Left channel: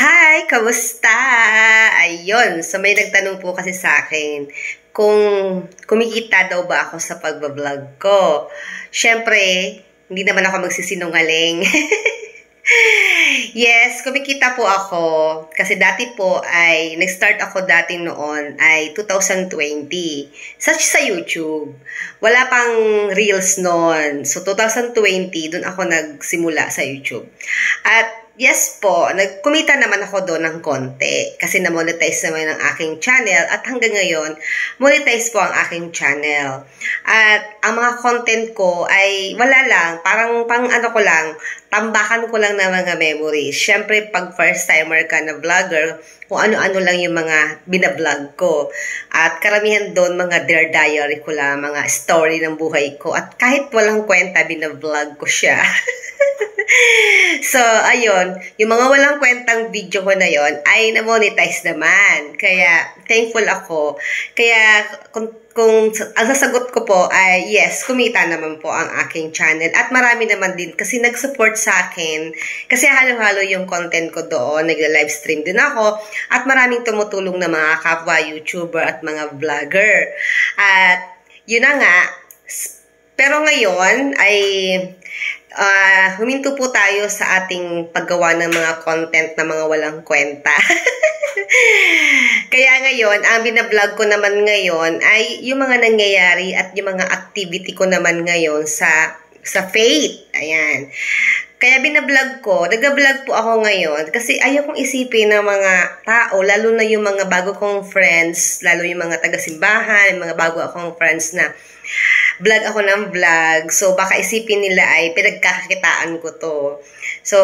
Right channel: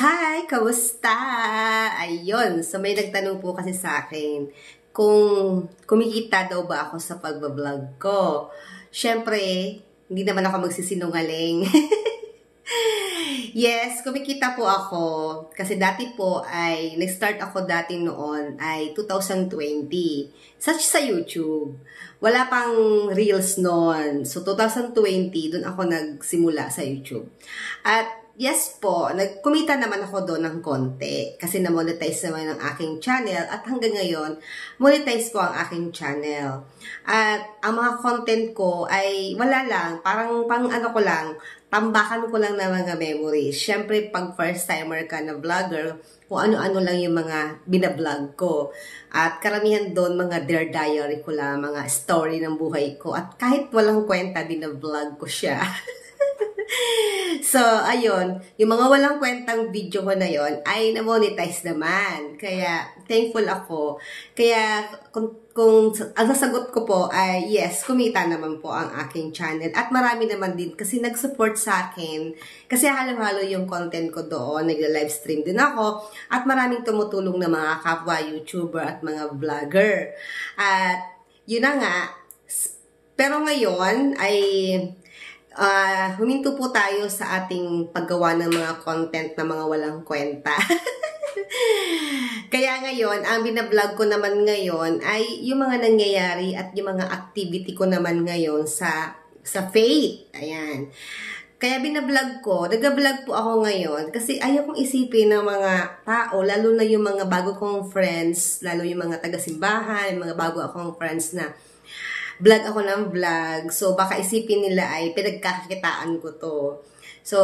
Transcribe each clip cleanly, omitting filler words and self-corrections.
Hi! Kamusta? Ayun, so may nagtanong po kasi sa akin kung kumikita daw ba ako sa pagbablog ko. Siyempre, hindi naman ako magsisinungaling. Yes, kumikita po ako. Kasi dati po ay, nag-start ako dati noon ay 2020 sa YouTube. Wala pang Reels noon. So 2020, dun ako nagsimula sa YouTube. At yes po, nagkumita naman ako doon ng konti kasi na-monetize naman ang aking channel at hanggang ngayon, monetize po ang aking channel. At ang mga content ko ay wala lang, parang pang ano ko lang, tambakan ko lang ng mga memories. Siyempre, pag first timer ka na vlogger, kung ano-ano lang yung mga binablog ko. At karamihan doon, mga Dear Diary ko lang, mga story ng buhay ko. At kahit walang kwenta, binablog ko siya. So, ayun, yung mga walang kwentang video ko na yon ay na-monetize naman. Kaya, thankful ako. Kaya, kung ang sasagot ko po ay yes, kumita naman po ang aking channel. At marami naman din kasi nag-support sa akin. Kasi halo-halo yung content ko doon. Nagla-livestream din ako. At maraming tumutulong na mga kapwa YouTuber at mga vlogger. At yun na nga. Pero ngayon ay huminto po tayo sa ating paggawa ng mga content na mga walang kwenta. Kaya ngayon, ang binablog ko naman ngayon ay yung mga nangyayari at yung mga activity ko naman ngayon sa faith. Ayan. Kaya binablog ko, nag-vlog po ako ngayon kasi ayaw kong isipin ng mga tao, lalo na yung mga bago kong friends, lalo yung mga taga-simbahan, yung mga bago akong friends na vlog ako ng vlog. So, baka isipin nila ay pinagkakakitaan ko to. So,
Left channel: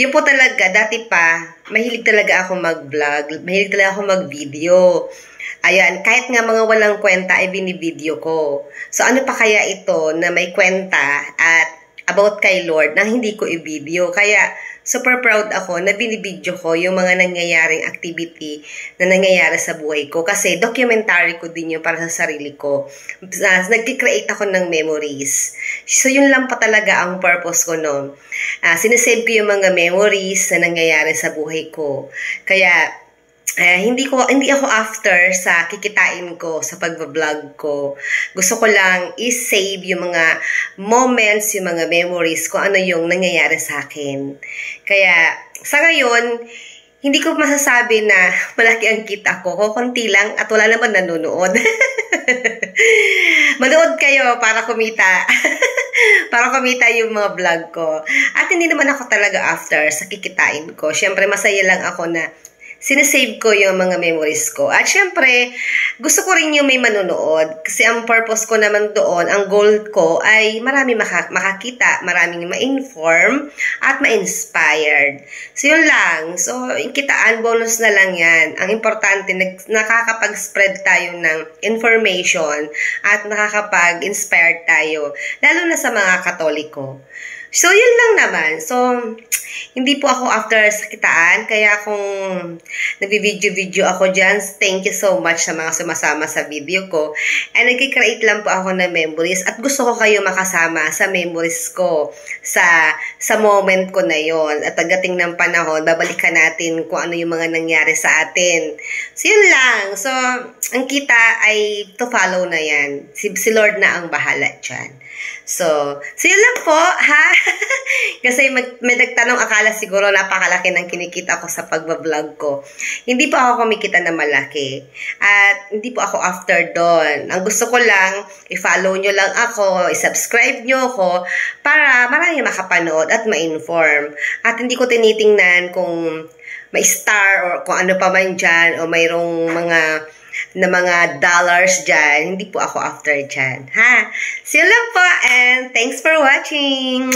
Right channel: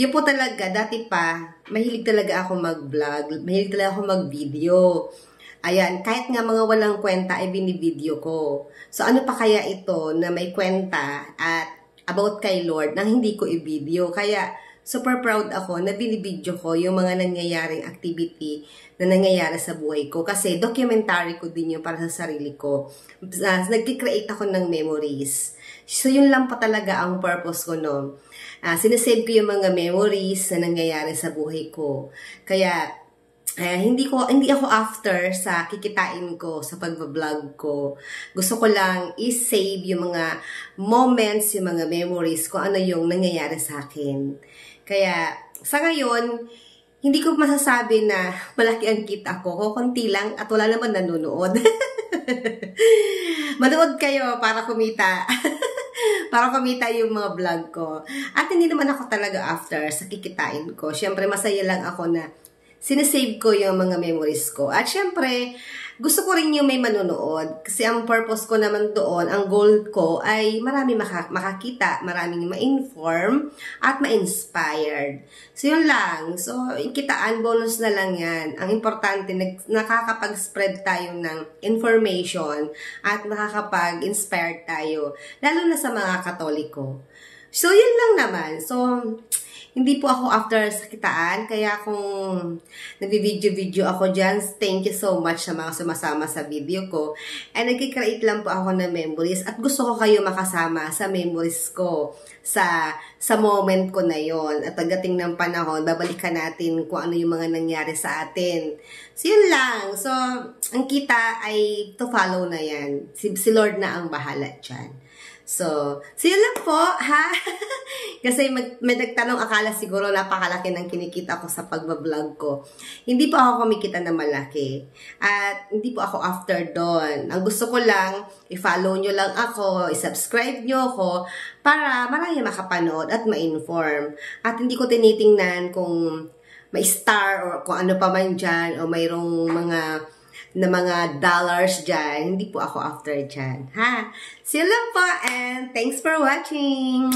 yun po talaga, dati pa, mahilig talaga ako mag-vlog. Mahilig talaga ako mag-video. Ayan, kahit nga mga walang kwenta ay binivideo ko. So, ano pa kaya ito na may kwenta at about kay Lord na hindi ko i-video. Kaya, super proud ako na binibidyo ko yung mga nangyayaring activity na nangyayari sa buhay ko. Kasi documentary ko din yun para sa sarili ko. Nag-create ako ng memories. So, yun lang pa talaga ang purpose ko, no? Sinesave ko yung mga memories na nangyayari sa buhay ko. Kaya, hindi ako after sa kikitain ko sa pagbablog ko. Gusto ko lang i-save yung mga moments, yung mga memories kung ano yung nangyayari sa akin. Kaya sa ngayon, hindi ko masasabi na malaki ang kita ko. Konti lang at wala naman nanonood. Manood kayo para kumita. Para kumita yung mga vlog ko. At hindi naman ako talaga after sa kikitain ko. Siyempre masaya lang ako na sinesave ko yung mga memories ko. At syempre, gusto ko rin yung may manonood. Kasi ang purpose ko naman doon, ang goal ko ay marami makakita, maraming ma-inform, at ma-inspired. So, yun lang. So, yung kitaan, bonus na lang yan. Ang importante, nakakapag-spread tayo ng information at nakakapag-inspire tayo. Lalo na sa mga Katoliko. So, yun lang naman. So, hindi po ako after sa kitaan. Kaya kung nag-video ako dyan, thank you so much sa mga sumasama sa video ko. And nag-create lang po ako ng memories. At gusto ko kayo makasama sa memories ko. Sa moment ko na yon. At pagdating ng panahon, babalikan natin kung ano yung mga nangyari sa atin. So, yun lang. So, ang kita ay to follow na yan. Si Lord na ang bahala dyan. So yun lang po, ha? Kasi may nagtanong, akala siguro napakalaki ng kinikita ko sa pagbablog ko. Hindi po ako kumikita na malaki. At hindi po ako after doon. Ang gusto ko lang, i-follow nyo lang ako, i-subscribe nyo ako, para marami makapanood at ma-inform. At hindi ko tinitingnan kung may star or kung ano pa man dyan, o mayroong mga dollars dyan. Hindi po ako after dyan. Ha? See you lang po and thanks for watching.